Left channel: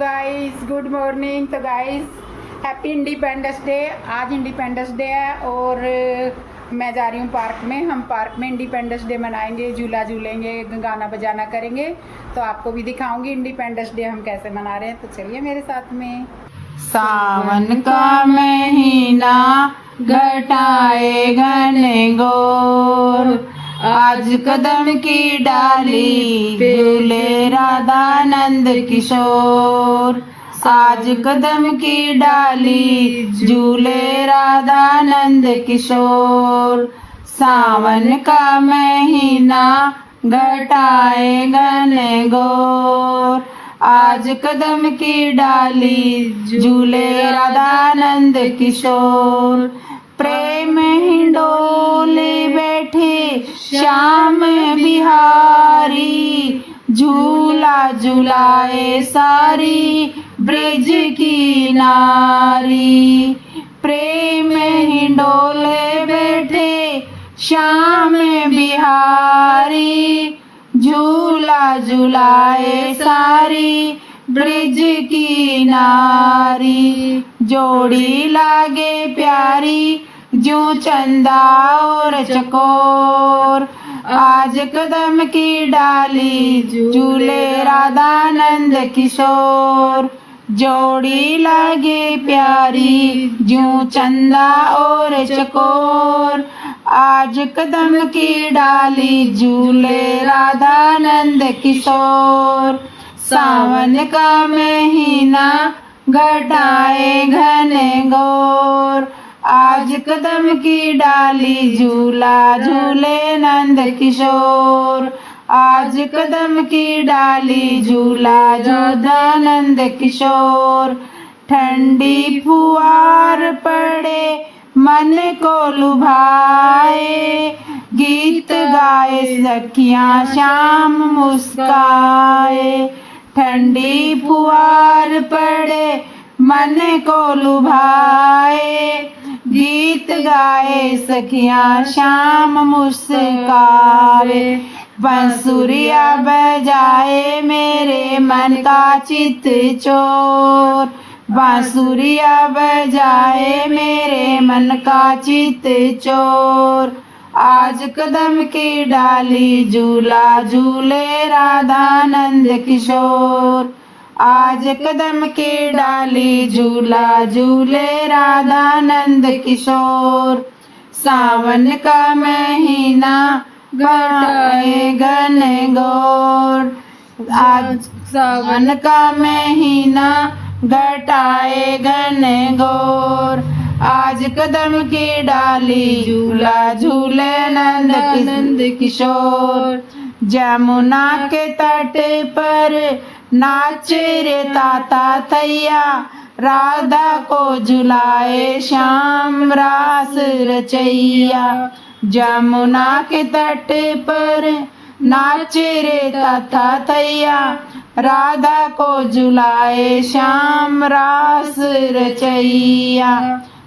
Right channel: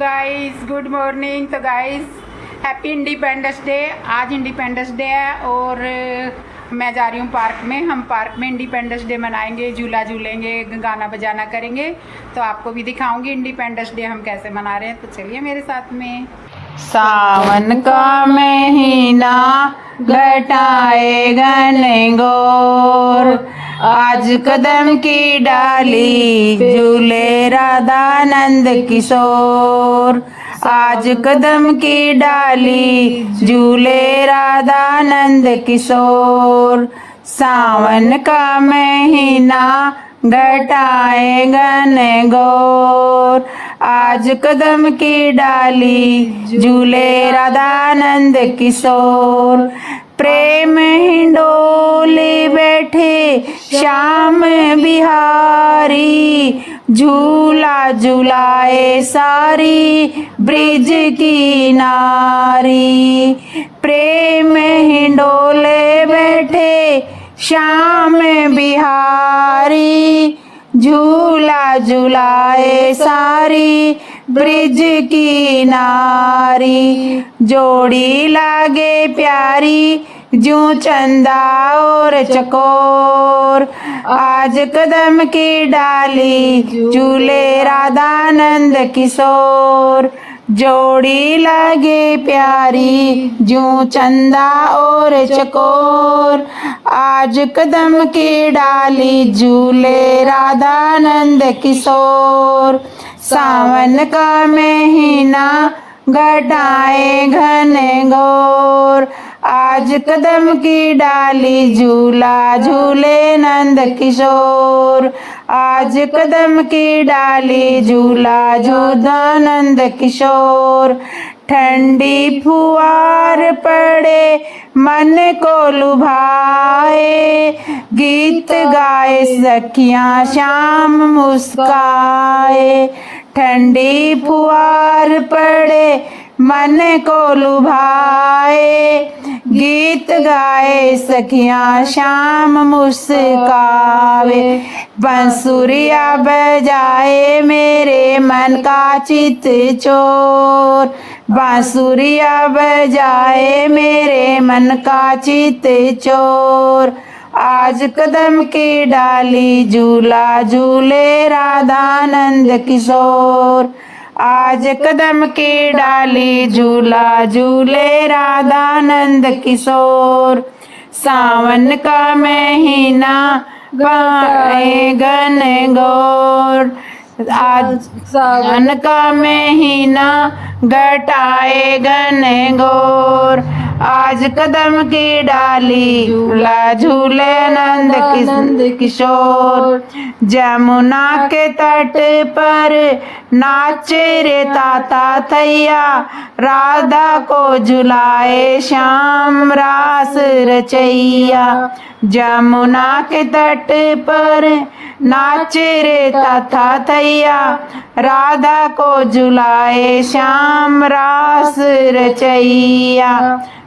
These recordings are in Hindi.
Guys, good morning. तो गाइस, हैप्पी इंडिपेंडेंस डे। आज इंडिपेंडेंस डे है और मैं जा रही हूँ पार्क में। हम पार्क में इंडिपेंडेंस डे मनाएंगे, झूला झूलेंगे, गाना बजाना करेंगे। तो आपको भी दिखाऊंगी इंडिपेंडेंस डे हम कैसे मना रहे हैं। तो चलिए मेरे साथ में। सावन का महीना घटाए घने घोर, आज कदम की डाली झूले राधानंद किशोर। आज कदम की डाली झूले राधानंद किशोर। सावन का महीना घटाए घने घोर, आज कदम की डाली झूले राधानंद किशोर। प्रेम हिंडोले बैठे श्याम बिहारी, झूला झुलाए सारी ब्रिज की नारी। प्रेम हिंडोले बैठे श्याम बिहारी, झूला झुलाए सारी ब्रिज की नारी। जोड़ी लागे प्यारी जो चंदा और चकोर, आज कदम की डाली झूले राधानंद किशोर। जोड़ी लागे प्यारी जो चंदा और चकोर, आज कदम की डाली झूले राधानंद किशोर। सावन का महीना घटाए घने घोर, आज कदम की डाली झूला झूले नंद किशोर। आज कदम की डाली झूला झूला नंद किशोर। ठंडी फुहार पड़े मन को लुभाए, गीत गाए सखियां शाम मुस्काए। ठंडी फुहार पड़े मन को लुभाए, गीत गाए सखियां शाम मुस्काए। बंसुरिया बजाए मेरे मन का चित चोर, बांसुरिया बजाए मेरे मन का चित चोर। आज कदम की डाली झूला झूले राधानंद किशोर। आज कदम की डाली झूला झूले राधानंद किशोर। सावन का महीना घटाए घने घोर, आज सावन का महीना घटाए घने घोर। आज कदम की डाली झूला झूले नंद किशोर। जमुना के तट पर नाचे रे ताता थैया, राधा को झुलाए श्याम रास रचैया। जमुना के तट पर नाचे रे ताता थैया, राधा को झुलाए श्याम रास रचैया।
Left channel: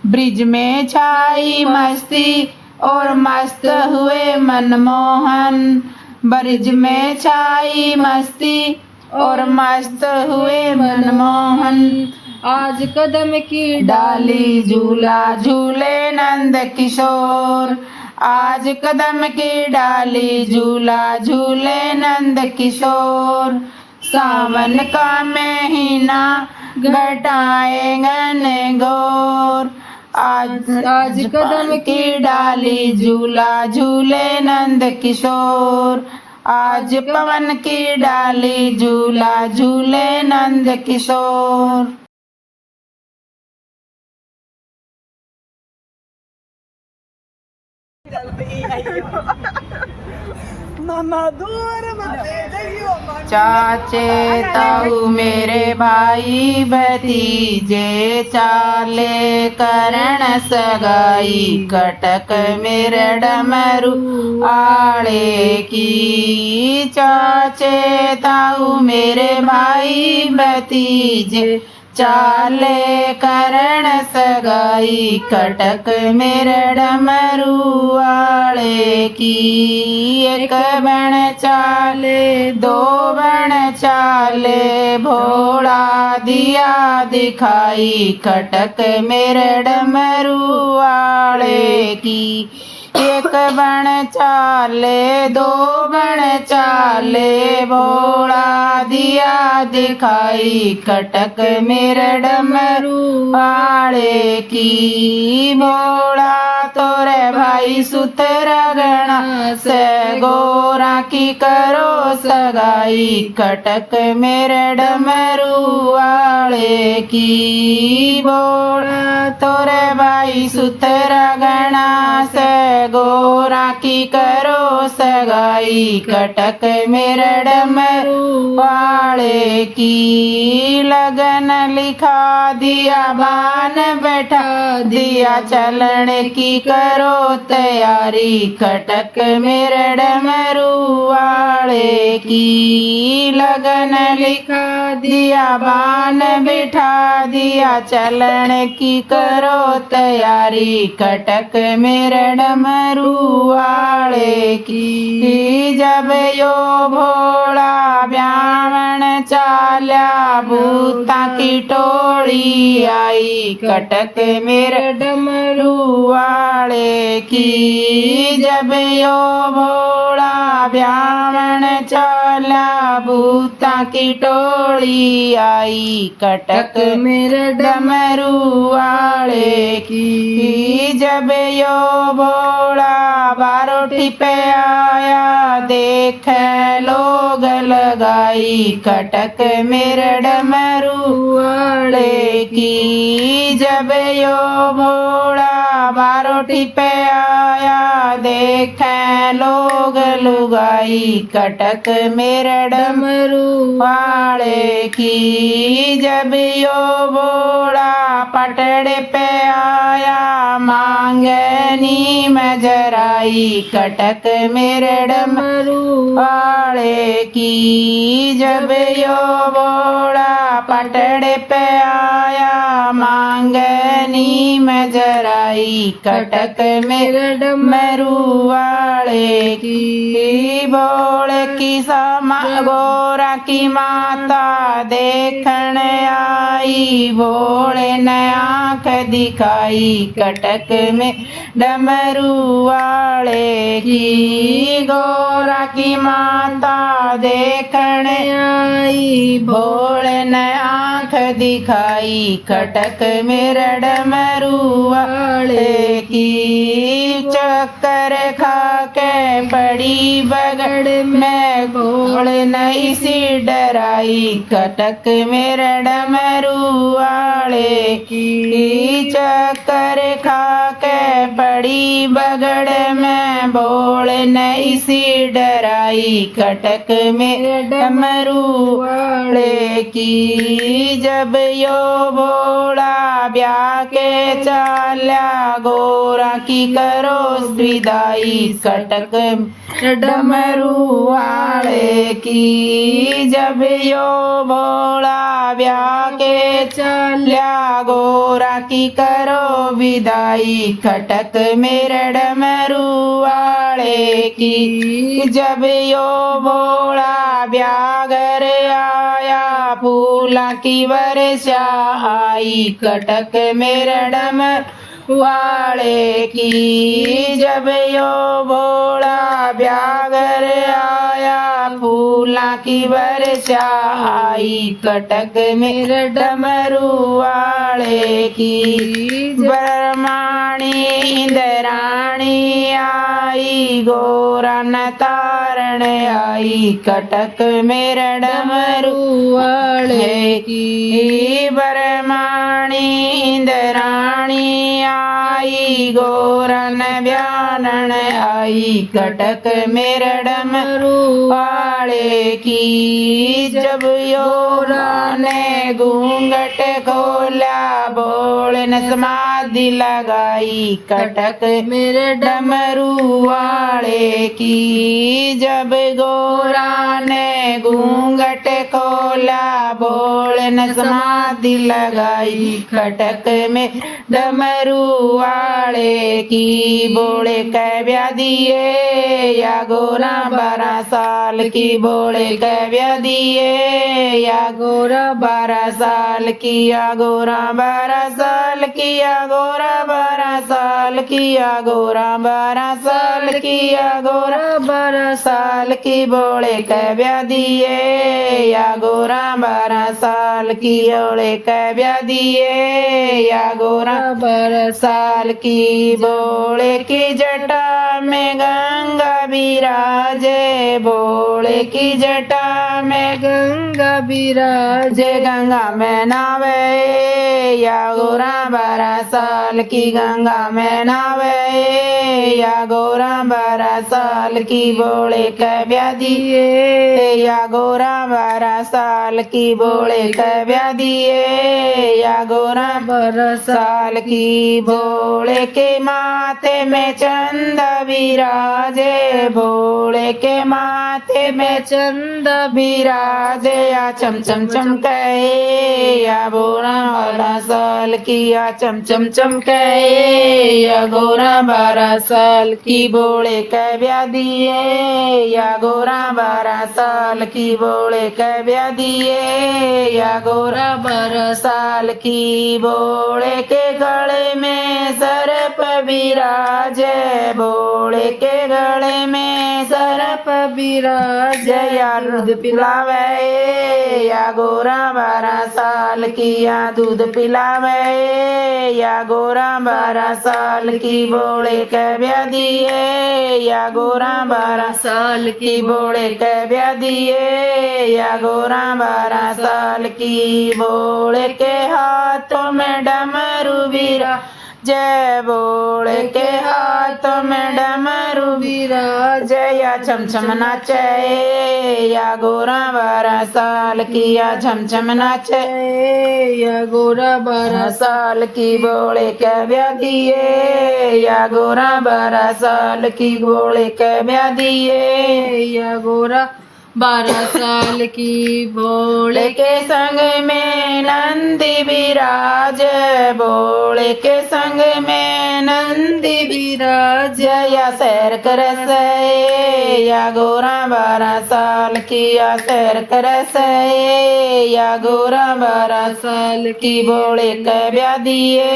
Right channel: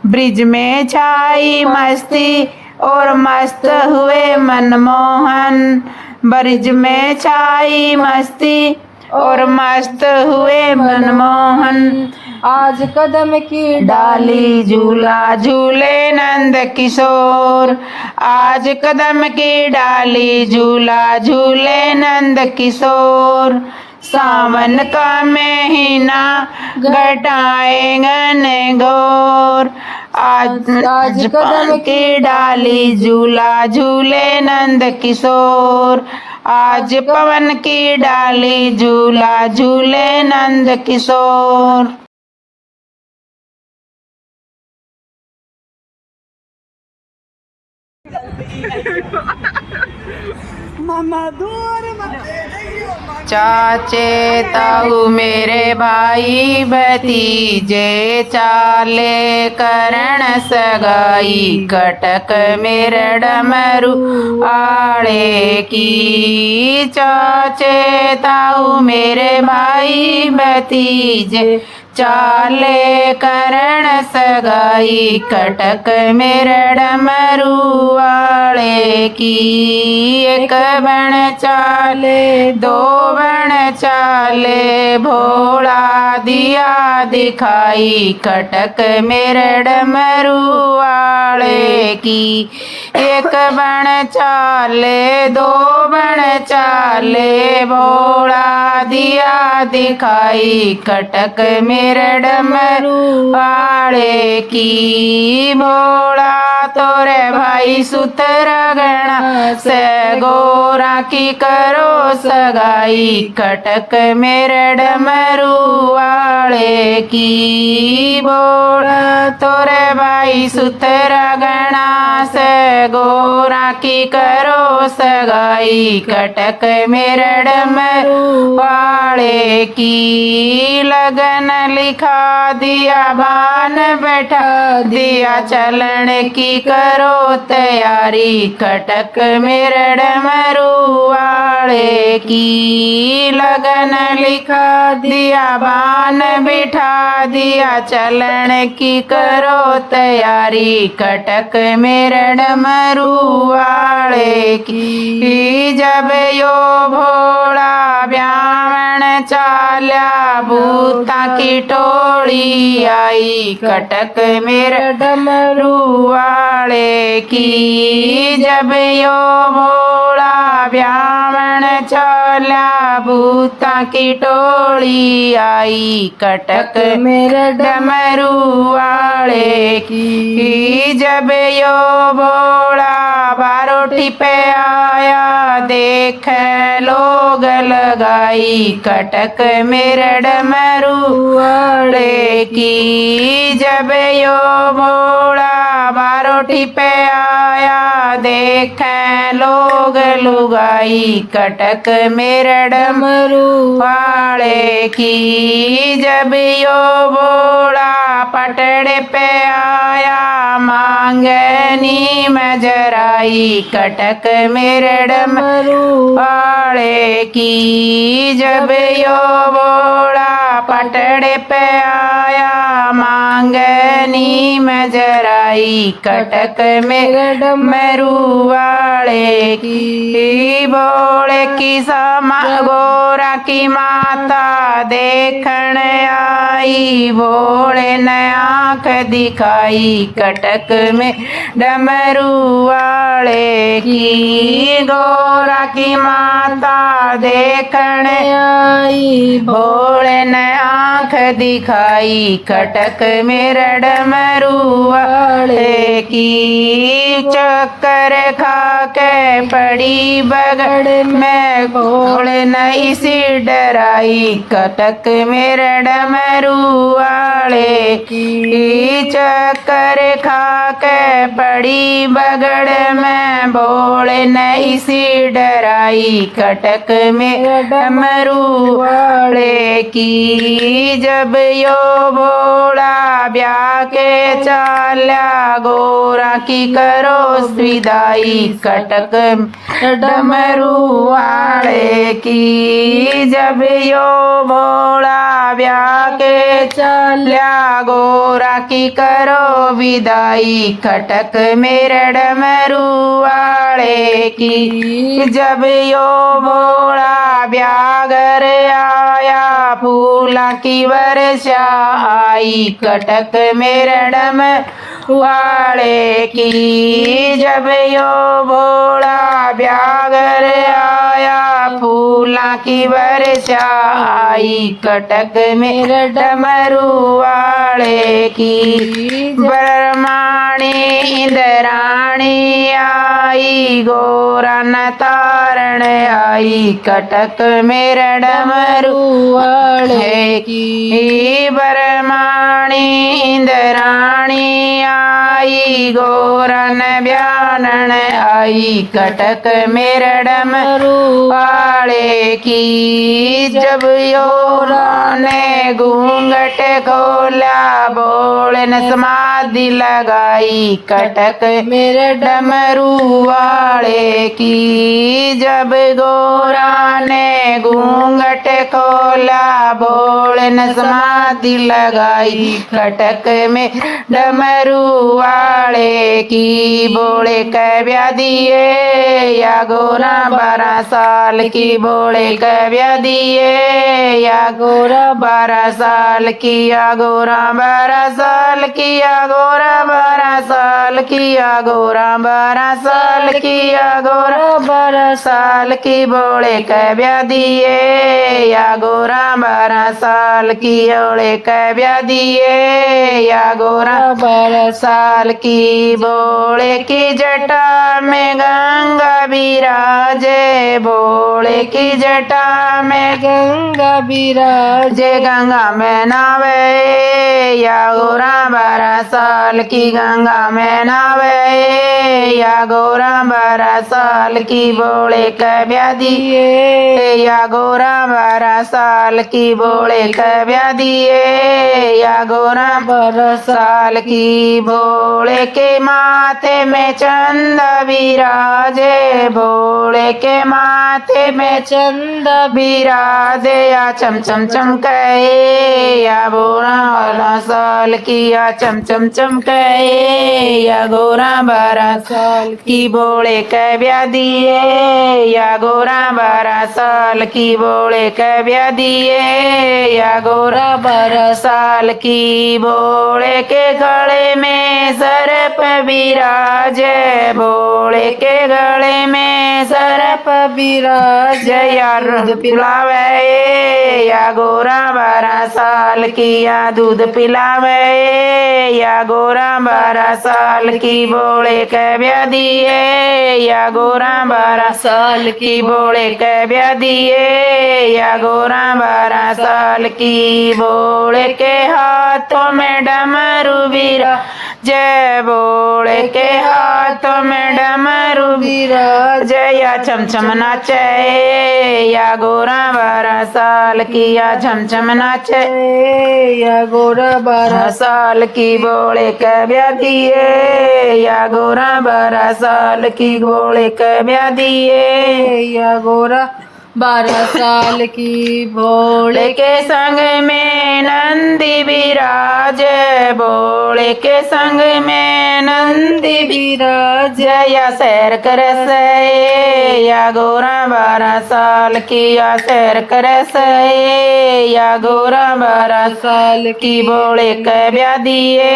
ब्रिज में छाई मस्ती और मस्त हुए मनमोहन, ब्रिज में छाई मस्ती और मस्त हुए मनमोहन। आज कदम की डाली झूला झूले नंद किशोर। आज कदम की डाली झूला झूले नंद किशोर। सावन का महीना घटाए घने घोर, आज कदम की डाली झूला झूले नंद किशोर। आज पवन की डाली झूला झूले नंद किशोर। चाचे ताऊ मेरे भाई भतीजे, चाले करण सगाई, कटक मेरे डमरू आड़े की। चाचे ताऊ मेरे भाई भतीजे, चाले करण सगाई, कटक मेरे डमरू वाले की। एक बण चाले दो बण चाले, भोला दिया दिखाई कटक मेरे डमरू वाले की। एक बण चाले दो बण चाले भोला दिया दिखाई कटक मेरे डमरू वाले की। भोला तोरे भाई सुतरा गणा से गोरा की करो सगाई कटक मेरे डमरू वाले की। भोला तोरे भाई सुतरा गणा से गोरा की करो सगाई कटक मेरे डमरू वाले की। लगन लिखा दिया भान बैठा दिया चलन की करो तैयारी कटक मेरे डमरू वाले की। लगन लिखा दिया भान बिठा दिया चलन की करो तैयारी कटक मेरे डमरू वाले की। जब यो भोला ब्याहण चाल्या भूता की टोली आई कटक मेरे डमरू वाले की। जब यो भोला ब्याहण चाल्या भूता की टोली आई कटक मेरे डमरू वाले की। जब यो भोला बारोटी पे आया देख लोग लगाई कटक मेरे डमरू वाले की। जब यो भोला बारोटी पे आया देख लोग लुगाई कटक मेरे डमरू वाले की। जब यो भोला पटड़े पे आया मांगनी मजराई कटक मेरे डमरू वाले की। जब यो भोला पटड़े पे आया मांगनी मजराई कटक मेरे डमरू वाले की। भोले की समा गोरा की माता देखण आई भोले ने आँख दिखाई कटक में डमरू वाले की। गोरा की माता देखण आई भोले ने आँख दिखाई कटक मेरे डमरू वाले की। चक्कर खा के पड़ी बगड़ में भोले नहीं सी डराई कटक मेरे डमरू वाले की। चक्कर खा के पड़ी बगड़ में भोले नहीं सी डराई कटक मेरे डमरू वाले की। जब यो भोला ब्याह के चाल्या गोरा की करो विदाई कटक डमरू वाले की। जब यो भोला ब्याह के चाल्या गोरा की करो विदाई कटक मेरे डमरू वाले की। जब यो भोला ब्याह घर आया फूला की वर्षा आई कटक मेरे डमरू वाले की। जब यो भोला ब्याह घर आया फूला की वर्षा आई कटक मेरे डमरू वाले की। ब्रह्माणी इंद्राणी आई गोरा न तारण आई कटक मेरे डमरू वाले की। ब्रह्माणी इंद्राणी आई गोरा न ब्यानन आई कटक मेरे डमरू वाले की। जब योरा ने घूंघट खोला बोले न समाधि लगाई कटक मेरे डमरू वाले की। जब गोरा ने घूंघट खोला बोले न समाधि लगाई कटक में डमरू वाले की। बोले कव्या दिए या गोरा 12 साल की बोले कव्या दिए या गोरा 12 साल किया गोरा 12 साल किया गोरा 12 साल किया गोरा 12 साल किया गोरा 12 साल की बोले कै ब्याह दिए या गोरा 12 साल की ओले कै ब्याह दिए या गोरा 12 साल की बोले की जटा में गंगा बिराजे बोले की जटा में गंगा बिराजे गंगा में नावे या गोरा 12 साल की गंगा में नावे या गोरा 12 साल की बोले कै ब्याह दिए या गोरा 12 साल की बोले कै ब्याह दिए या गोरा 12 साल की बोले के माथे में चंदा बिराजे बोले के माथे में चंदा बिराजे या चम चम चमके या गोरा 12 साल की या चम चम चमके या गोरा 12 साल की बोले कै ब्याह दिए या गोरा 12 साल की बोले कै ब्याह दिए या गोरा 12 साल की बोले के गले में सर्प बिराजे बोले के गले में सर्प बिराजे या दूध पिलावे या गोरा 12 साल की या दूध पिलावे या गोरा 12 साल की बोले कै ब्याह दिए या गोरा 12 साल की बोले कै ब्याह दिए या गोरा 12 साल की बोले के हाथों में डमरू बिरा जय बोले के हाथों में डमरू बिराज या छम छम नाचे या गोरा 12 साल की या छम छम नाचे या गोरा 12 साल की बोले कै ब्याह दिए या गोरा 12 साल की बोले कै ब्याह दिए या गोरा 12 साल की बोले के संग में नंदी बिराज बोले के संग में नंदी बिराज या सैर करस या गोरा 12 साल की या सैर करस या गोरा 12 साल की बोले कै ब्याह दिए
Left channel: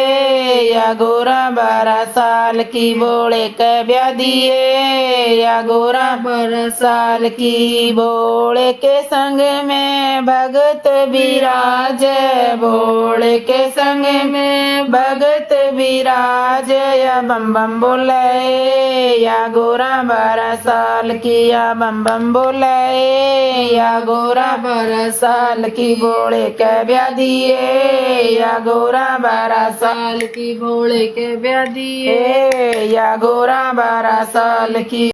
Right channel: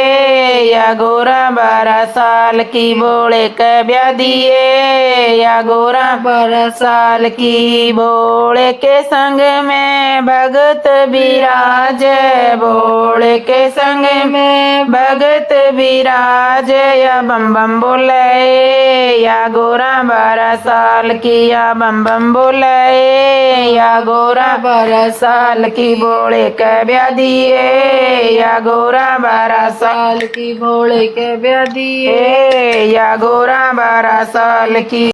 या गोरा 12 साल की बोले कै ब्याह दिए या गोरा 12 साल की बोले के संग में भगत बिराज बोले के संग में भगत बिराज या बम बम बोले या गोरा 12 साल की या बम बम बोले या गोरा 12 साल की बोले कै ब्याह दिए या गोरा 12 साल की बोले कै ब्याह दिए या गोरा 12 साल की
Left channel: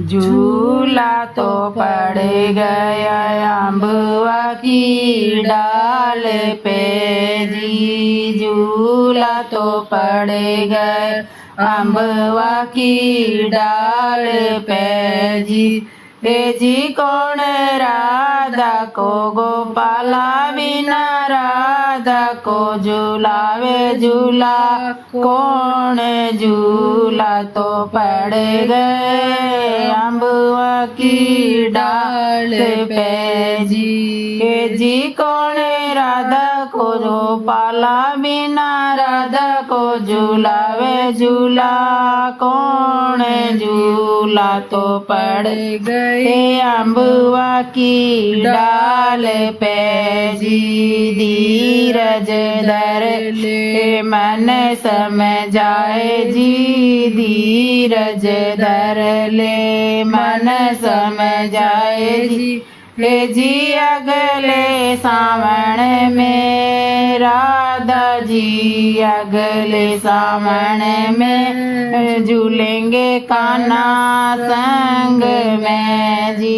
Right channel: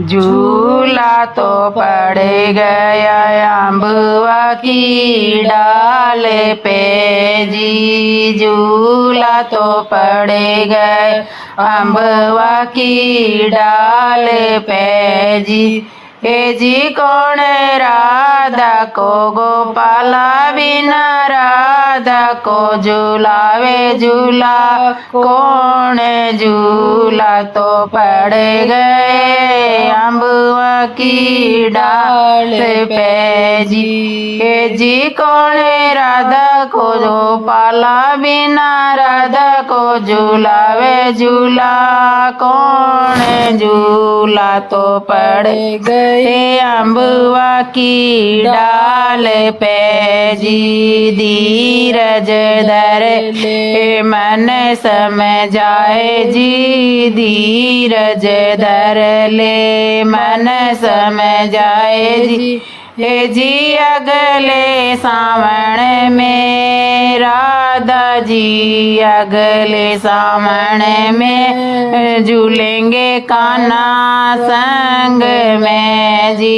झूला तो पड़ गया अम्बुआ की डाल पे जी झूला तो पड़ गए अम्बुआ की डाल पे जी हे जी कौन राधा को गोपाला बिना राधा को झूलावे झूला कौन झूला तो पड़ गए अम्बुआ की डाल पे जी हे जी कौन राधा को गोपाला बिना राधा को झूलावे झूला कौन झूला तो पड़ गए अम्बुआ की डाल पे जी धीरज धर ले मन समझाए जी धीरज धर ले मन समझाए जी हे जी अगले सावन में राधा जी अगले सावन में झूलेंगे कान्हा संग में जी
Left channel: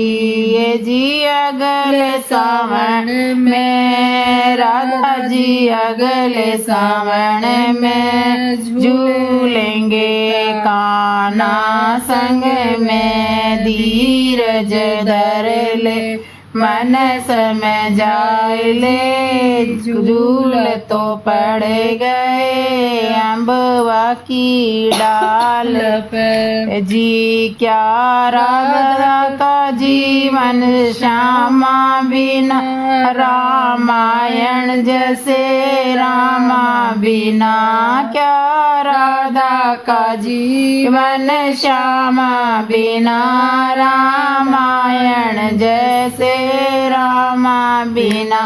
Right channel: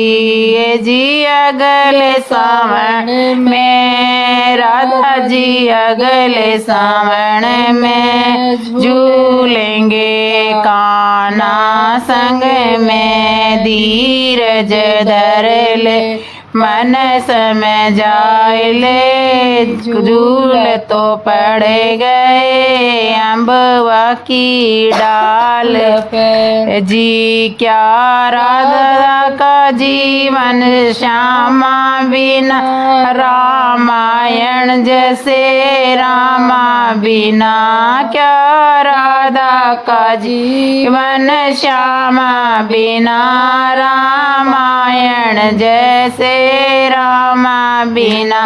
हे जी अगले सावन में राधा जी अगले सावन में झूलेंगे कान्हा संग में धीरज धर ले मन समय जाए ले झूल तो पड़ गए अम्बवा की डाल पे जी क्या राधा का जीवन श्यामा बिना रामायण जैसे रामा बिना क्या राधा का जीवन श्यामा बिना रामायण जैसे रामा बिना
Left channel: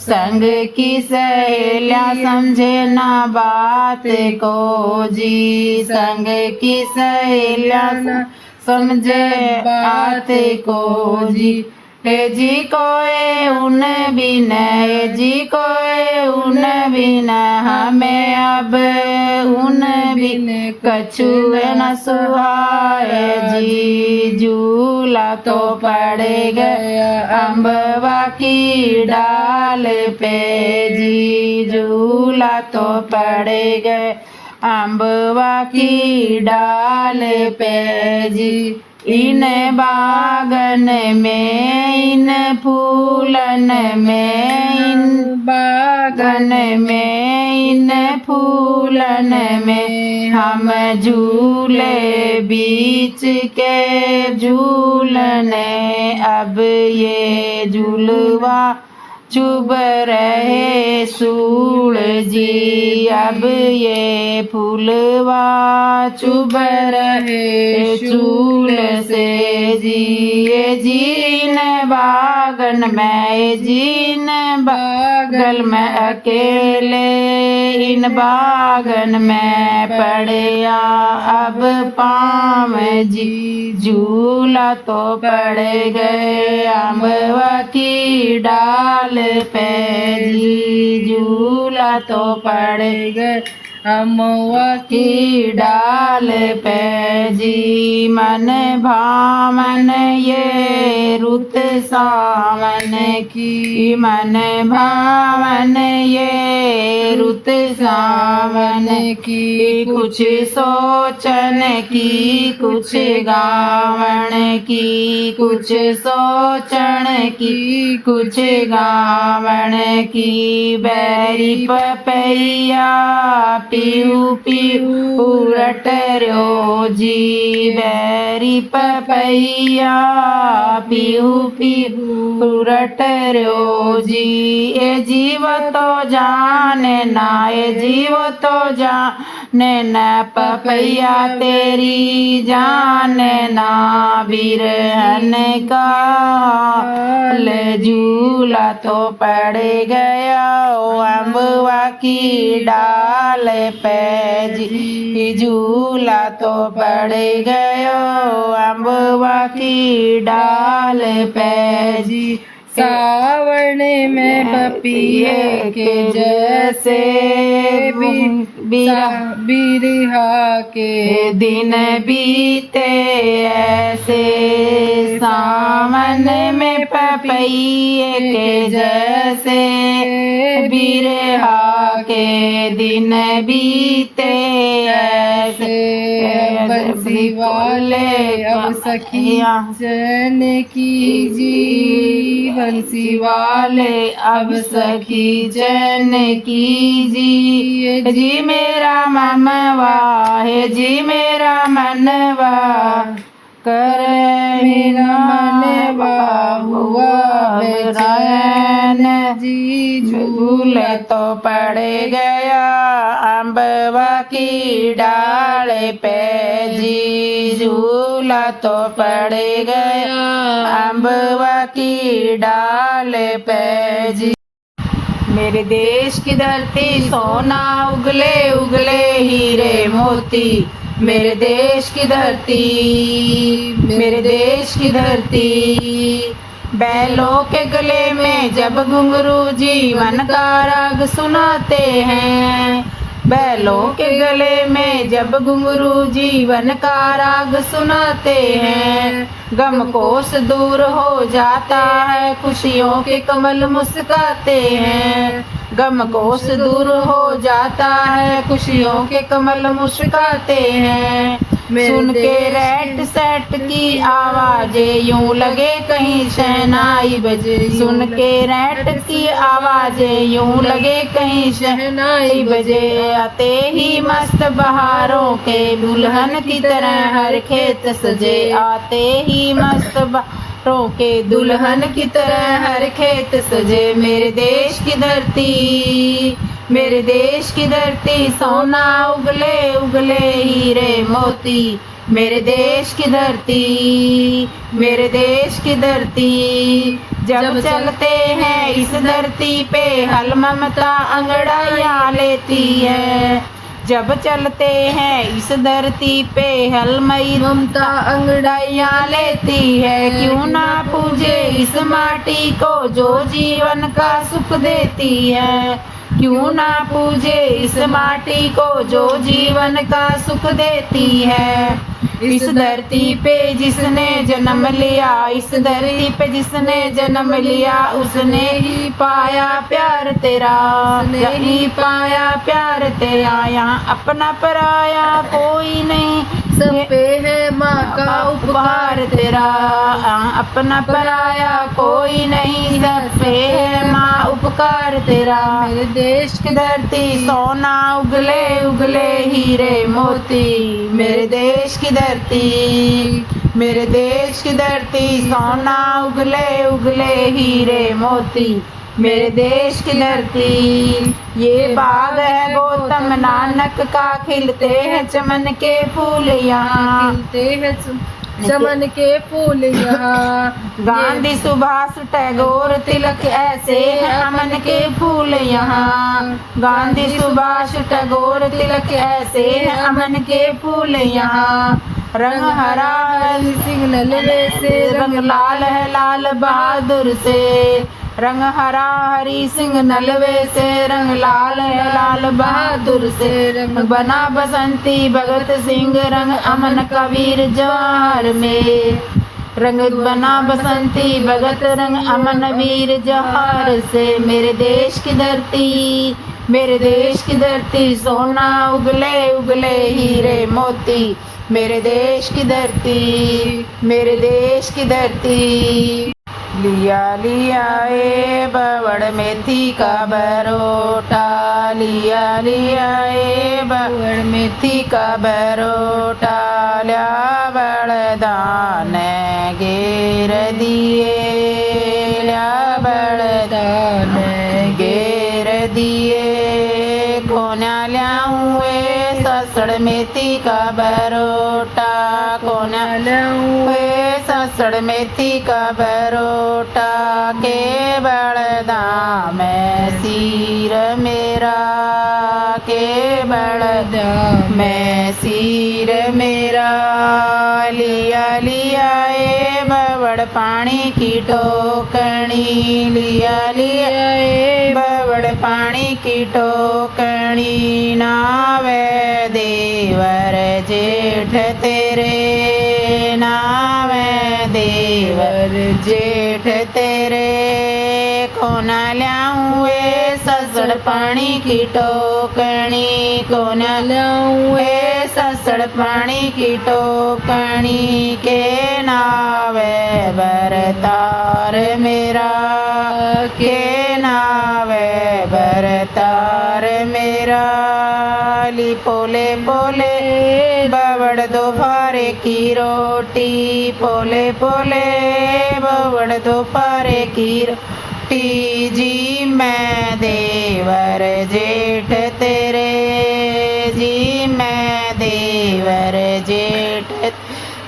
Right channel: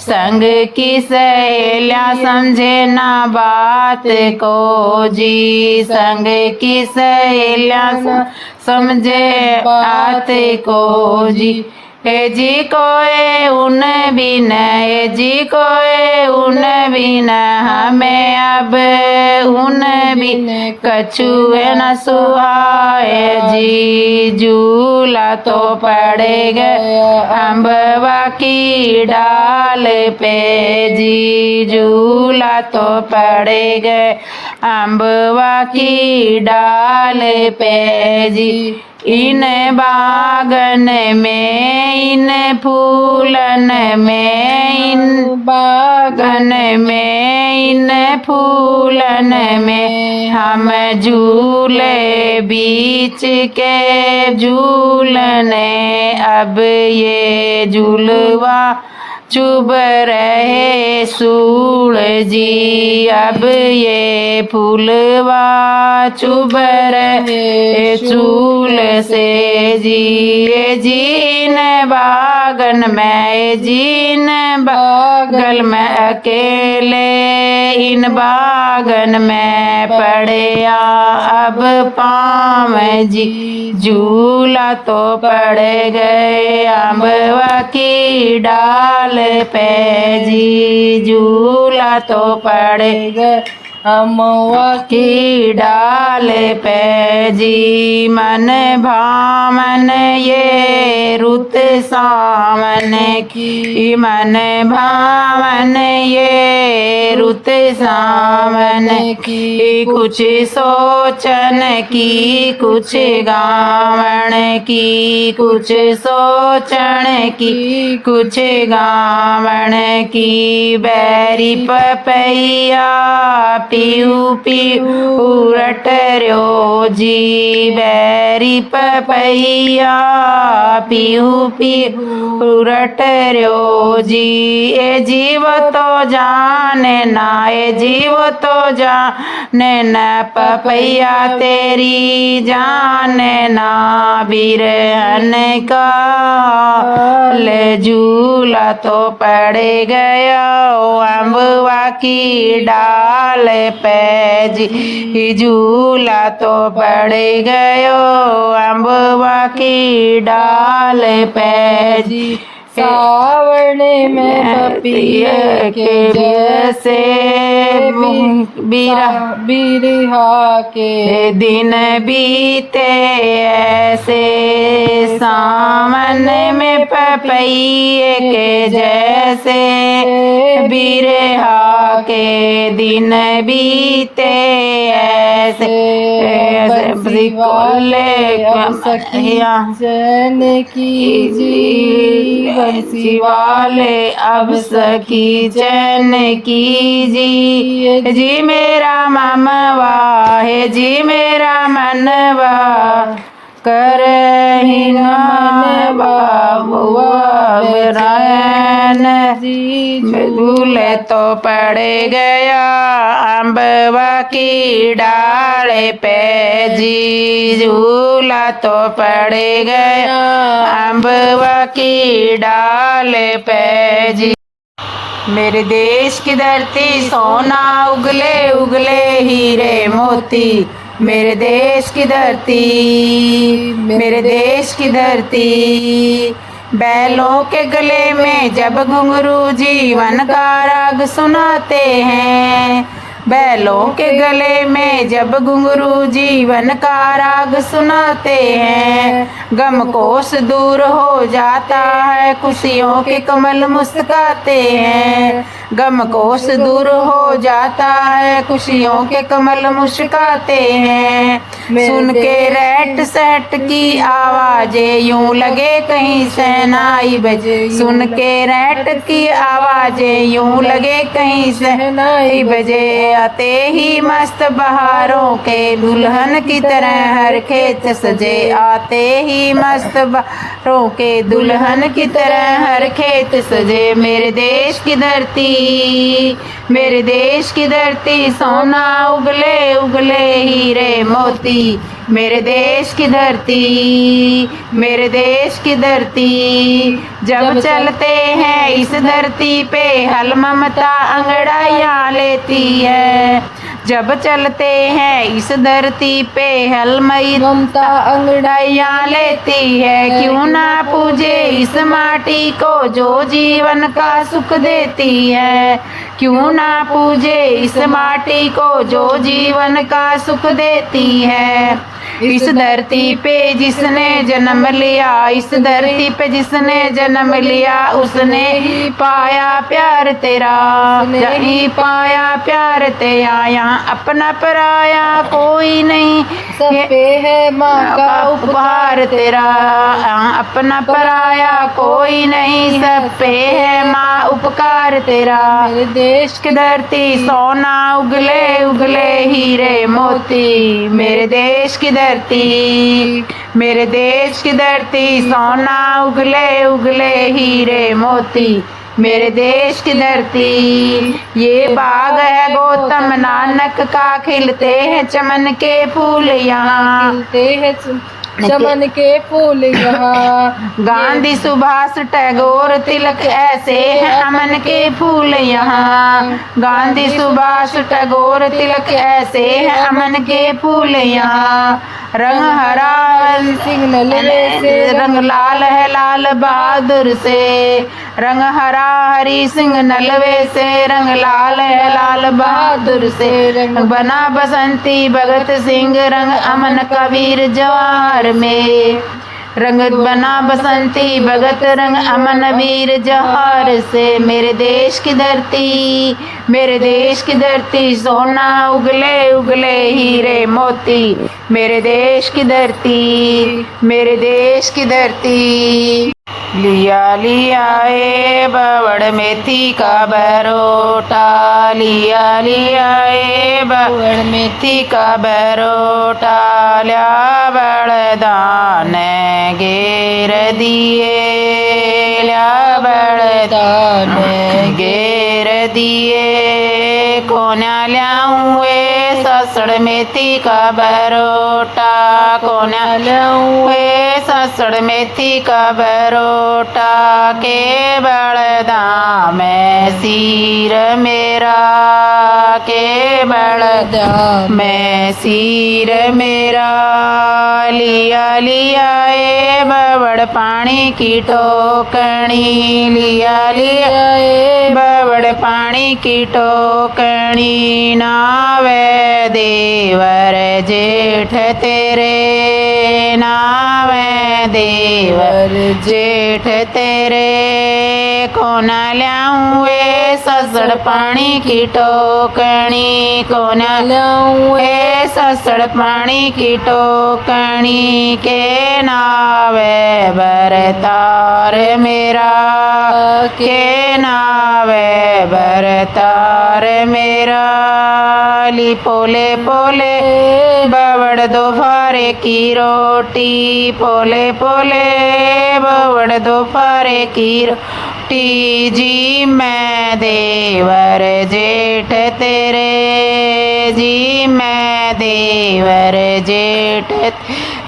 संग की सहेलियां समझे ना बात को जी संग की सहेलियां समझे बात को जी हे जी कोई उन बिन हे जी कोई उन बिन हमें अब उन बिन कछु न सुहाए जी झूला तो पड़ गया अम्बवा की डाल पे जी झूला तो पड़ गए अम्बवा की डाल पे जी इन बागन में इन फूलन में इन बागन में इन फूलन में हम झूले बीच के झूलने अब ये झूलवा चुभ रहे सूल जी अब ये फूलवा चुभ रहे चूल से जी ये जीन बागन में जीन बागल में अकेले इन बागन में पड़या अब पाँव जी झूला तो पड़ गए अम्बवा की डाल पे जी झूला तो पड़ गए अम्बवा की डाल पे जी मन भावन ये रुत सावन की मन भावन ये रुत सावन की कुछ सोचन की कुछ गावन की कुछ सोचन की कुछ गावन की बैरी पपैया पीऊ पीऊ रट रो जी बैरी पपैया पीऊ पीऊ रट रो जी ए जीव तो जाने ना ए जीव तो जाने न पपैया तेरी जाने ना बिरहन का ले झूला तो पड़ गया अम्बवा की डाल पे जी झूला तो पड़ गयो अम्बवा की डाल पे जी सावन में पपिये के जैसे बिरहा के दिन बीते ऐसे सावन में पपिये के जैसे बिरहा के दिन बीते ऐसे बंसी वाले अब सखिया जन की जी बंसी वाले अब सखी जन की जी मेरा मनवा है जी मेरा मनवा कर मेरा मनवा हुआ रैन जी झूले तो पड़ गया अम्बवा की डाल पे जी झूला तो पड़ गया अम्बवा की डाल पे जी मेरे देश की धरती सोना उगले उगले हीरे मोती मेरे देश की धरती मेरे देश की धरती बैलों के गले में जब घुंघरू जीवन का राग सुनाते हैं बैलों के गले में जब घुंघरू जीवन का राग सुनाते हैं गम कोस दूर हो जाता है खुशियों के कमल मुस्काते हैं गम कोस दूर हो जाता है खुशियों के कमल मुस्काते हैं सुन के रैट सेट की आवाजें यूं लगे कहीं शहनाई बजे, सुन के रैट की आवाजें यूं लगे कहीं शहनाई बजे। आते ही मस्त बहारों के दुल्हन की तरह हर खेत सजे, आते ही मस्त बहारों के दुल्हन की तरह हर खेत सजे। मेरे देश की धरती, मेरे देश की धरती सोना उगले उगले हीरे मोती, मेरे देश की धरती, मेरे देश की धरती। जब चलते हैं इस धरती पे हल ममता अंगड़ाइयाँ लेती है, जब चलते हैं इस धरती पे हलमई ममता अंगड़ाइयाँ लेती है। क्यों ना पूजे इस माटी को जो जीवन का सुख देती है, क्यों ना पूजे इस माटी को जो जीवन का सुख देती है। इस धरती पे जिसने जन्म लिया, इस धरती पे जिसने जन्म लिया, उसने ही पाया प्यार तेरा, ही पाया प्यार तेरा। यहाँ अपना पराया कोई नहीं, सब पे है माँ का उपहार तेरा। यहाँ अपना पराया कोई नहीं, सब पे है माँ उपकार तेरा। मेरे देश की धरती सोना उगले उगले हीरे मोती, मेरे देश की धरती, मेरे देश की धरती सोना उगले उगले हीरे मोती, मेरे देश की धरती। ये बाग है गौतम नानक का, खिलते हैं चमन के फूल यहाँ, खिलते हैं चमन के फूल यहाँ। गांधी सुभाष टैगोर तिलक ऐसे हैं अमन के फूल यहाँ, गांधी सुभाष टैगोर तिलक ऐसे हैं अमन के फूल यहाँ। रंग हरा हरि सिंह नलवे से, रंग लाल है लाल बहादुर से, रंग हरा हरि सिंह नलवे से, रंग लाल है लाल बहादुर से। रंग बना बसंती भगत सिंह, रंग अमन कबीर जवाहर में, रंग बना बसंती भगत रंग अमन वीर जवाहर से। मेरे देश की धरती, मेरे देश की धरती सोना उगले उगले हीरे मोती, मेरे देश की धरती, मेरे देश की धरती। लिया लिया ए बावड़ मेथी का बरोटा, लिया लिया ए बावड़ मेथी का बरोटा। ल्या बड़दान घेर दिए, ल्या बड़दान घेर दिए। कोन्या ल्याऊँ ए ससड़ मेथी का बरोटा, कोन्या ल्याऊँ ए ससड़ मेथी का बरोटा। के बड़दा में सिर मेरा, के बड़दा में सिर मेरा। लिया लिया ए बवड़ पानी की टोकनी, लिया लिया ए बवड़ पानी की टोकनी। नावे देवर जेठ तेरे, नावे देवर जेठ तेरे। कोना ल्याऊँ ए ससड़ पानी की टोकनी, कोना ल्याऊँ ए ससड़ पानी की टोकनी। के नावे बरतार मेरा, के नावे बरतार मेरा। ली पोले पोले बवड़ दोपहरे की रोटी, पोले पोले बवड़ दोपहरे की रोटी। जी मैं देवर जेठ तेरे, जी मैं देवर जेठ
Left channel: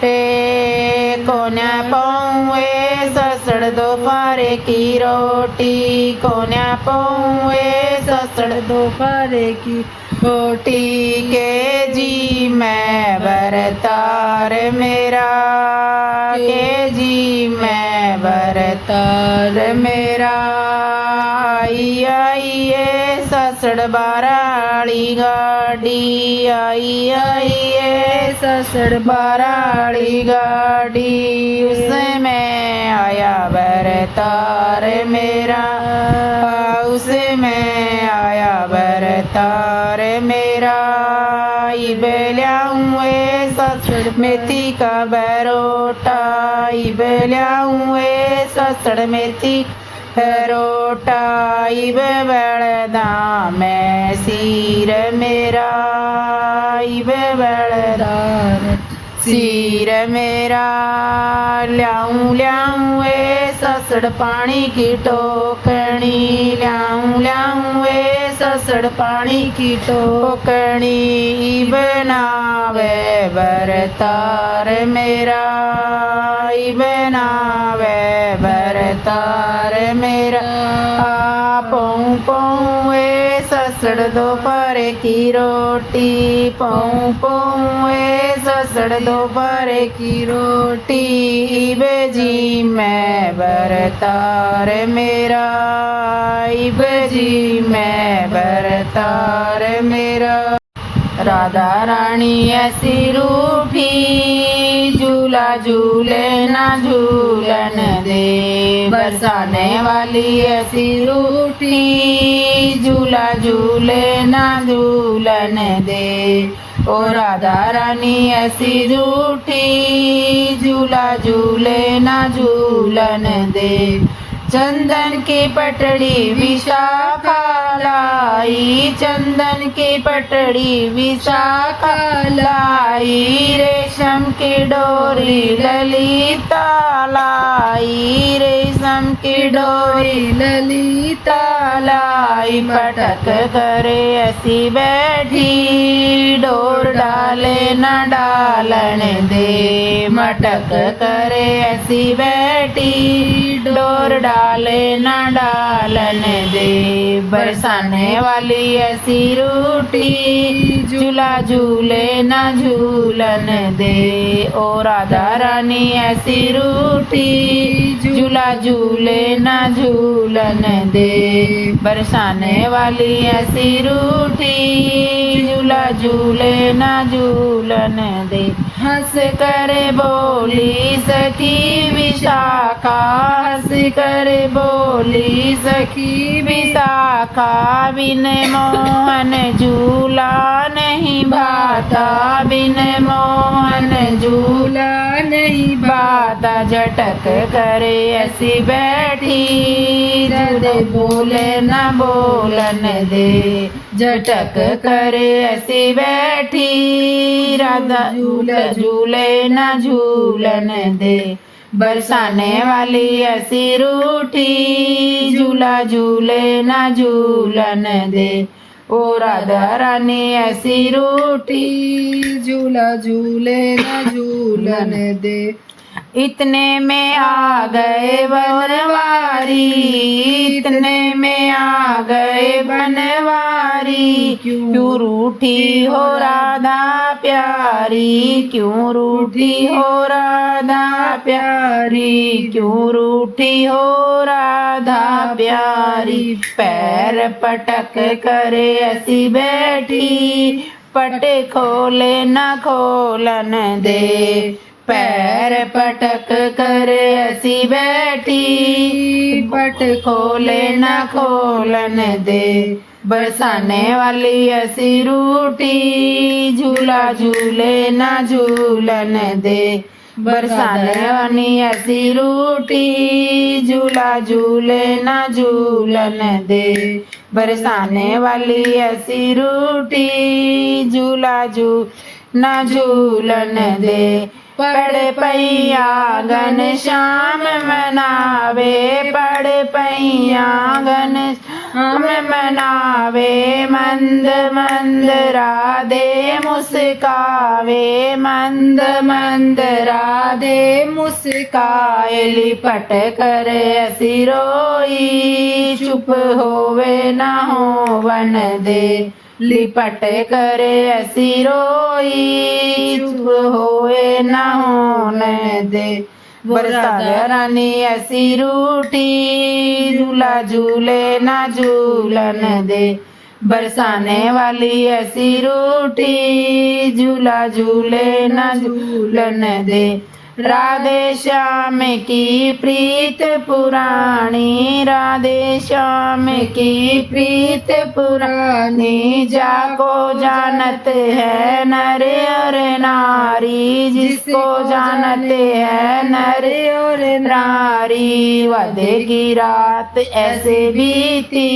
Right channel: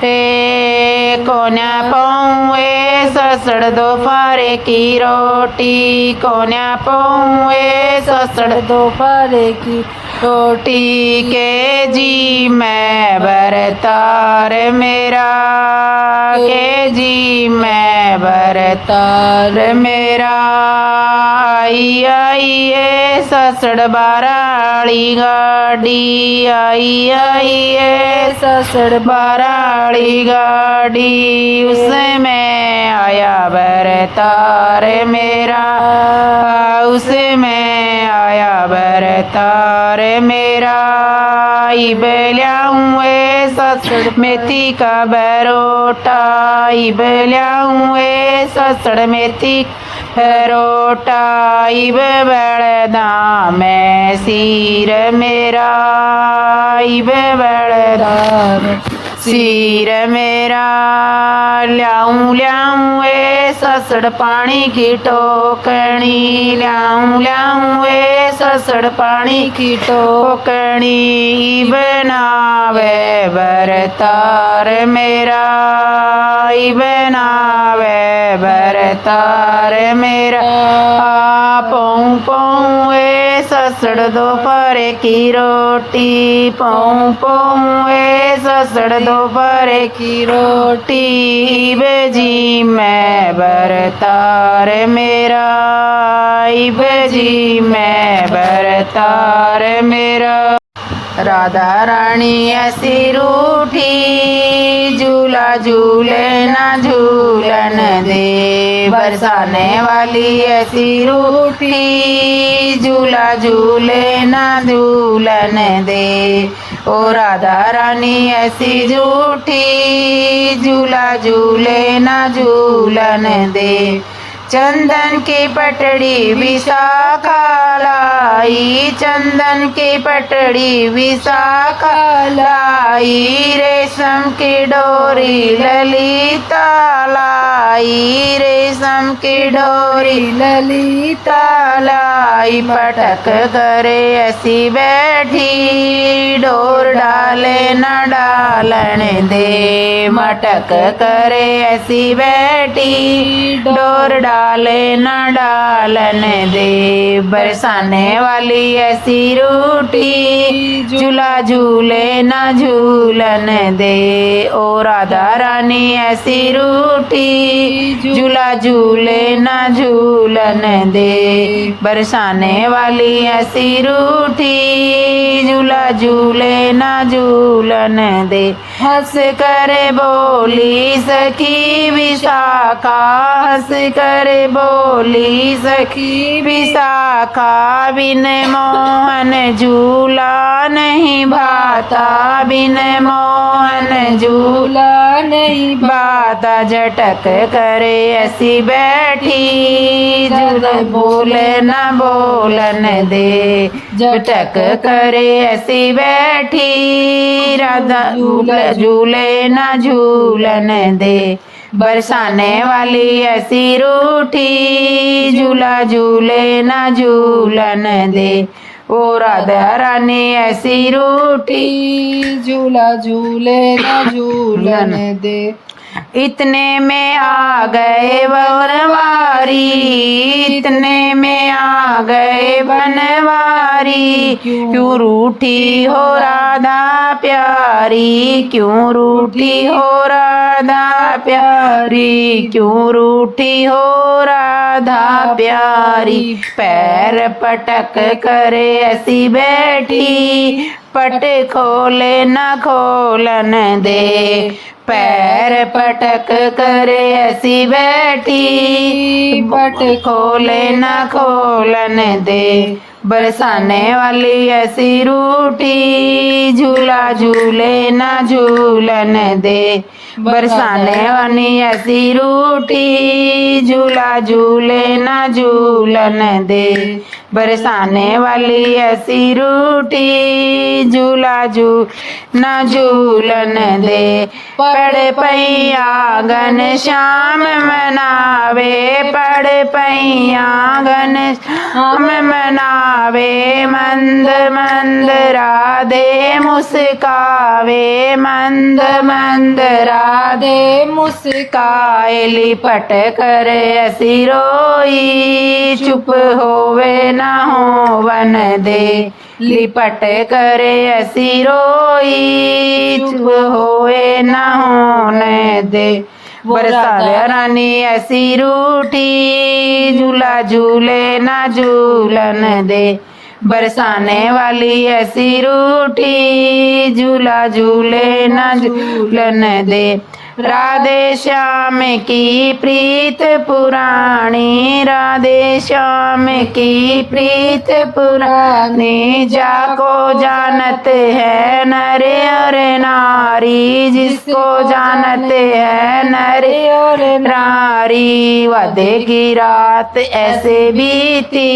तेरे। कोन्या पाऊँ ए ससड़ दोपहरे की रोटी, कोन्या पाऊँ ए ससड़ दोपहरे की रोटी। के जी मैं बरतार मेरा, के जी मैं बरतार मेरा। आई आई ए ससड़ बाराड़ी गाड़ी, आई आई ए ससड़ बाराड़ी गाड़ी। उसमें आया बरतार मेरा, उसमें आया बरतार मेरा। ई बेल्याऊँ ए ससड़ मेथी का बरोटा इब ल्याऊं ए ससड़ मेथी बरोटा इब बड़दा मैं सीर मेरा इब बड़दा सीर मेरा ल्याऊं ल्याऊं ए ससड़ पानी की टोकनी ल्याऊं ल्याऊं ए ससड़ पानी की टोकनी बनावे बरतार मेरा बनावे बरतार मेरा पौं पौं ए ससड़ दोपहर की रोटी पौं पौं ए ससड़ दोपहर की रोटी बेजी मैं बरतार मेरा बेजी मैं बरतार मेरा राधा रानी ऐसी रूठी झूला झूले ना झूलन दे बरसाने वाली ऐसी रूठी झूला झूले ना झूलन दे ओ राधा रानी ऐसी झूठी झूला झूले ना झूलन दे चंदन की पटड़ी विशाखा लाई चंदन की पटड़ी विशाखा लाई रेशम की डोरी ललिता लाई रेशम की डोरी ललिता लाई पटक करे ऐसी बैठी डोर डाले न डालन दे मटक करे ऐसी बैठी डोर डाले न डालन दे बरसाने वाली ऐसी रूठी झूला झूले न झूलन दे ओ राधा रानी ऐसी रूठी झूला झूले न झूलन दे बरसाने वाली ऐसी रूठी झूला झूले न झूलन दे हंस कर बोली सखी विशाखा हंस कर बोली सखी विशाखा बिन मोहन झूला नहीं भाता बिन मोहन झूला नहीं भाता झटक करे ऐसी बैठी जद बोले न बोलन दे झटक करे ऐसी बैठी राधा झूले झूले न झूलन दे बरसाने वाली ऐसी रूठी झूला झूले न झूलन दे ओ राधा रानी ऐसी रूठी झूला झूले न झूलन दे इतने में आ गए बनवारी इतने में आ गए बनवारी क्यों रूठी हो राधा प्यारी क्यों रूठी हो राधा प्यारी क्यों रूठी हो राधा प्यारी पैर पटक करे ऐसी बैठी पट खोले न खोलन दे पैर पटक कर ऐसी बैठी पट खोले न खोलन दे बरसाने वाली ऐसी रूठी झूला झूले न झूलन दे बरसाने वाली ऐसी रूठी झूला झूले न झूलन दे बरसाने वाली ऐसी रूठी झूला न झूलन दे पड़ पैया घन श्याम मनावे पड़ पैया घन श्याम मनावे मंद मंद राधे मुस्कावे मंद मंद राधे मुस्काए लिपट कर ऐसी रोई चुप होवे न होवन दे लिपट करे ऐसी रोई चुप होए न होने दे राधा रानी ऐसी रूठी झूला झूले न झूलन दे बरसाने वाली ऐसी रूठी झूला झूले न झूलन दे राधे श्याम की प्रीत पुरानी, राधे श्याम की प्रीत पुरानी। जाको जानते हैं नर और नारी, जिसको जानते हैं नर और नारी। वादे की रात ऐसे बीती,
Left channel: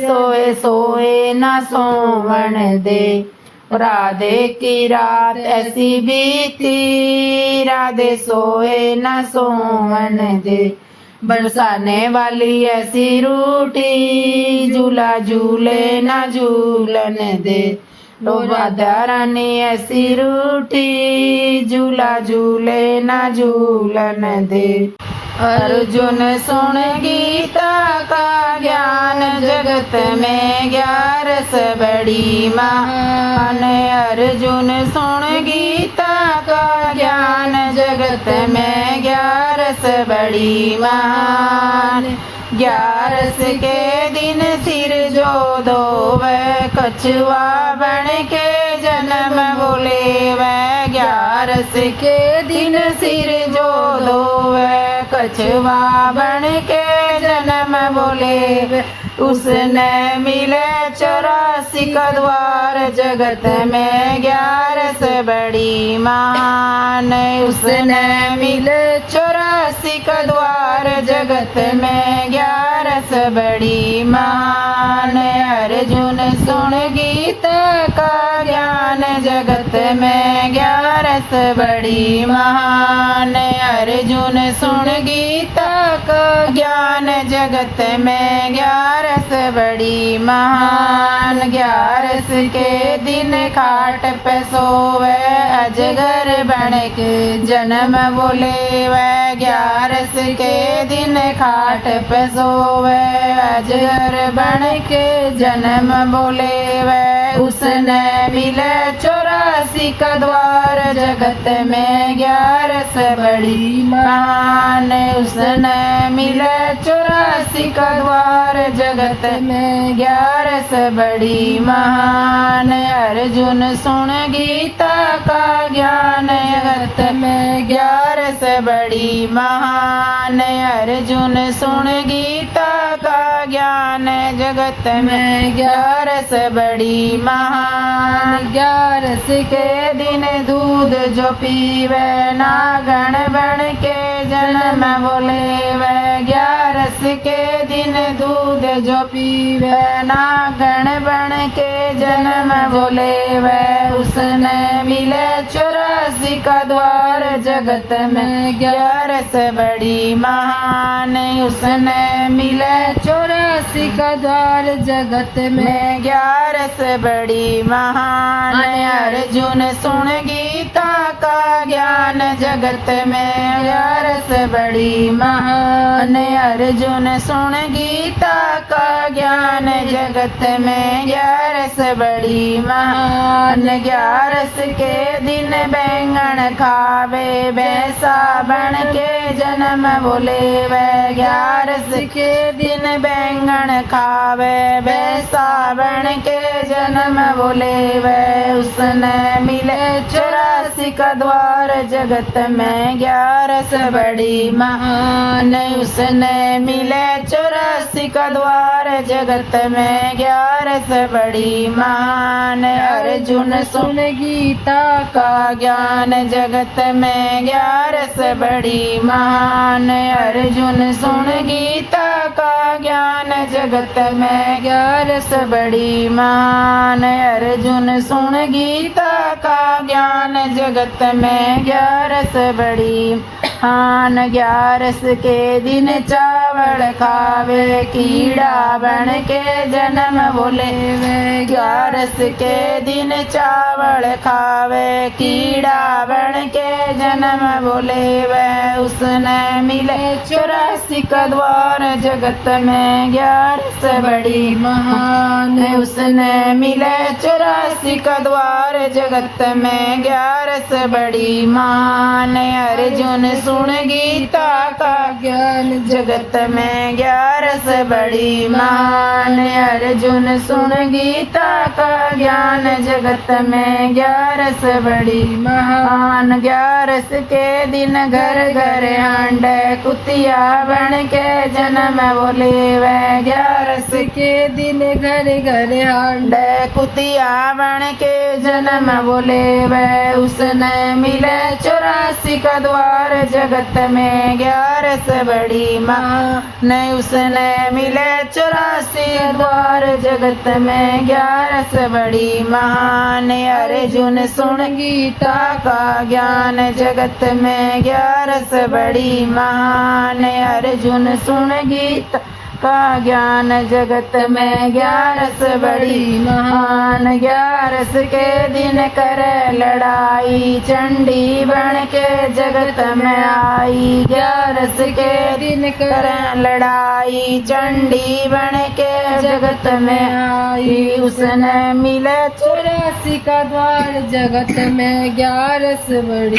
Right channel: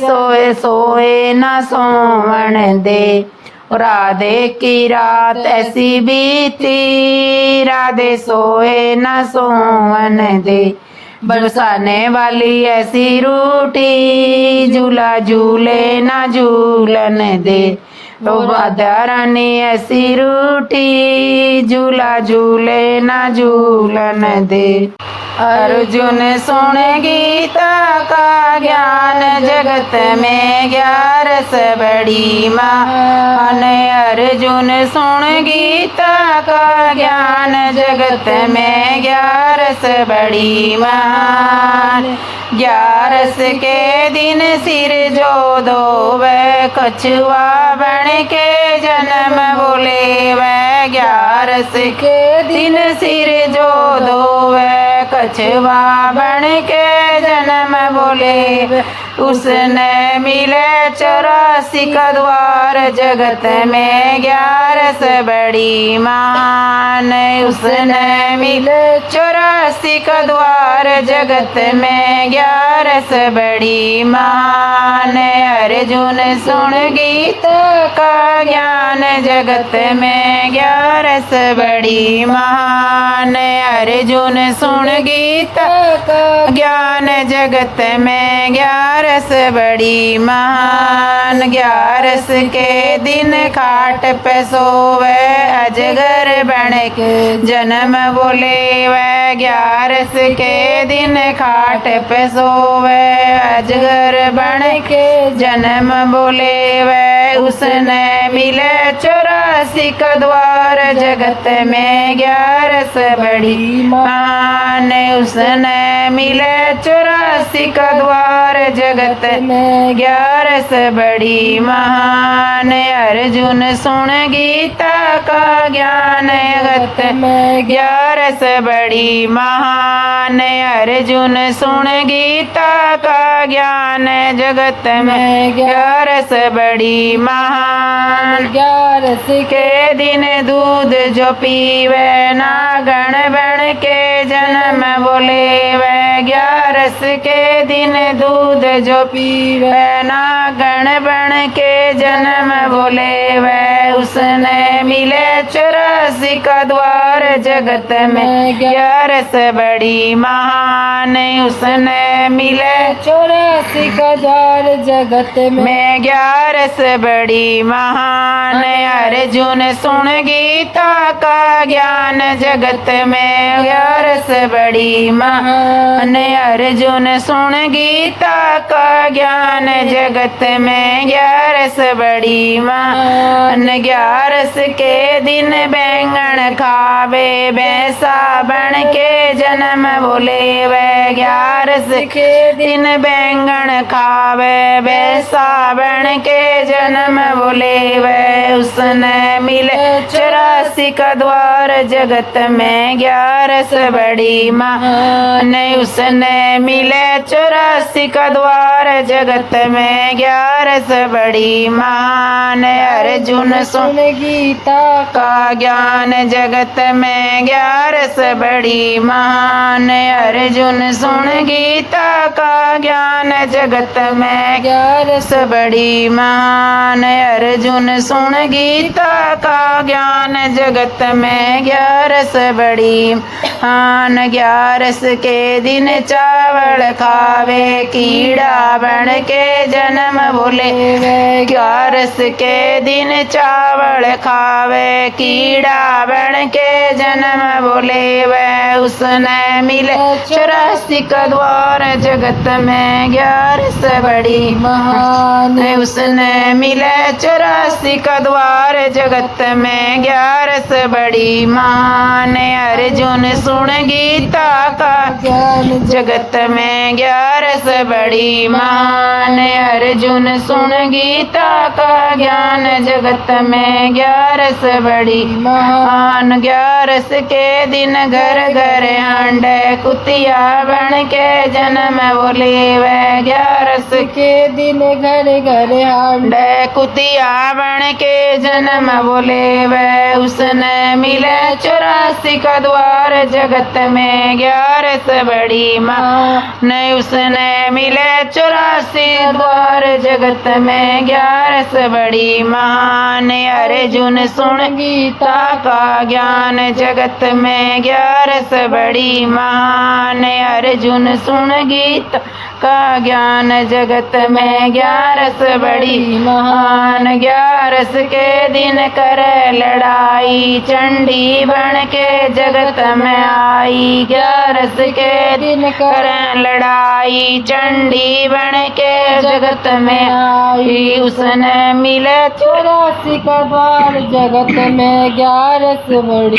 सोए सोए न सोवन दे। राधे की रात ऐसी बीती, राधे सोए न सोवन दे। बरसाने वाली ऐसी रूठी, झूला झूले न झूलन दे। तो राधा रानी ऐसी रूठी, झूला झूले न झूलन दे। अर्जुन सुन गीता का ज्ञान, जगत में 11 बड़ी महान। अर्जुन सुन गीता का ज्ञान, जगत में 11 बड़ी महान। 11 के दिन सिर जो धोवे, कछुआ बन के जन्म बोले वह। 11 के दिन सिर जो धोवे, कछुआ बन के जन्म बोले। उसने मिले 84 का द्वार, जगत में 11 बड़ी महान। उसने मिले 84 का द्वार, जगत में 11 बड़ी महान। अर्जुन सुन गीता का ज्ञान, जगत में 11 बड़ी महान। अर्जुन सुन गीता का ज्ञान, जगत में 11 बड़ी महान। 11 के दिन खाट पे सोवे, अजगर बन के जन्म बोले वह। 11 के दिन खाट पे सोवे, अजगर बन के जन्म बोले वह। उसने मिले 84 का द्वार, जगत में 11 बड़ी महान। उसने मिले 84 का द्वार, जगत में 11 बड़ी महान। अर्जुन सुन गीता का ज्ञान, जगत में 11 बड़ी महान। अर्जुन सुन गीता का ज्ञान, जगत में 11 बड़ी महान। 11 के दिन दूध जो पीवे, नागण बन के जन्म बोले वह। 11 के दिन दूध जो पीवे, नागण बन के जन्म बोले वह। उसने मिले 84 का द्वार, जगत में 11 बड़ी महान। उसने मिले 84 का द्वार, जगत में 11 बड़ी महान। अर्जुन सुन गीता का ज्ञान, जगत में 11 बड़ी महान। अर्जुन सुन गीता का ज्ञान, जगत में 11 बड़ी महान। 11 के दिन बैंगन खावे, भैंसा बन के जन्म बोले वह। 11 के दिन बैंगन खावे, भैंसा बन के जन्म बोले वह। उसने मिले 84 का द्वार, जगत में 11 बड़ी महान। उसने मिले 84 का द्वार, जगत में 11 बड़ी महान। अर्जुन सुन गीता का ज्ञान, जगत में 11 बड़ी महान। अर्जुन सुन गीता का ज्ञान, जगत में 11 बड़ी महान। अर्जुन सुन गीता का ज्ञान, जगत में 11 बड़ी महान। 11 के दिन चावल खावे, कीड़ा बन के जन्म बोले वे। 11 के दिन चावल खावे, कीड़ा बन के जन्म बोले वे। उसने मिले 84 का द्वार, जगत में 11 बड़ी महान। उसने मिले 84 का द्वार, जगत में 11 बड़ी महान। अर्जुन सुन गीता का ज्ञान, जगत में 11 बड़ी महान। अर्जुन सुन गीता का ज्ञान जगत में 11 बड़ी महान। 11 के दिन घर घर हांडे कुतिया बन के जन्म वो लेवे। 11 के दिन घर घर हांडे कुतिया बन के जन्म वो लेवे। उसने मिले 84 का द्वार जगत में 11 बड़ी महान। उसने मिले 84 द्वार जगत में 11 बड़ी महान। अर्जुन सुन गीता का ज्ञान जगत में 11 बड़ी महान। अर्जुन सुन गीता का ज्ञान जगत में 11 बड़ी महान। 11 के दिन करे लड़ाई चंडी बन के जगत में आई। 11 के दिन करे लड़ाई चंडी बन के जगत में आई। उसने मिले 84 का द्वार जगत में 11 बड़ी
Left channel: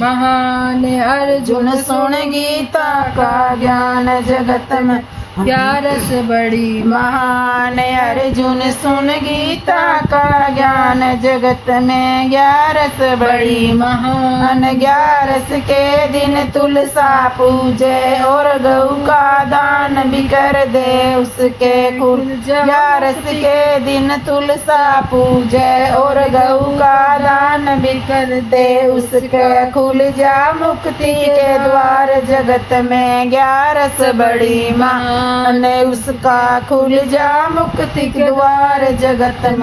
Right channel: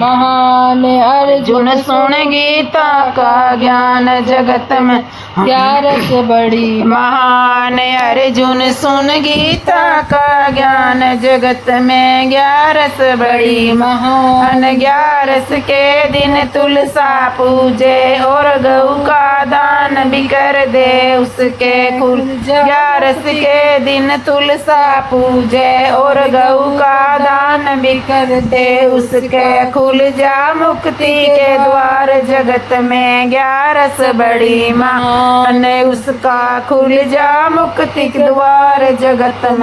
महान। अर्जुन सुन गीता का ज्ञान जगत में 11 बड़ी महान। अर्जुन सुन गीता का ज्ञान जगत में 11 बड़ी महान। 11 के दिन तुलसा पूजे और गऊ का दान भी कर दे उसके कुल। 11 के दिन तुलसा पूजे और गऊ का दान भी कर दे उसके खुल जा मुक्ति के द्वार जगत में 11 बड़ी महान। उसका खुल जा मुक्ति के द्वार जगत में।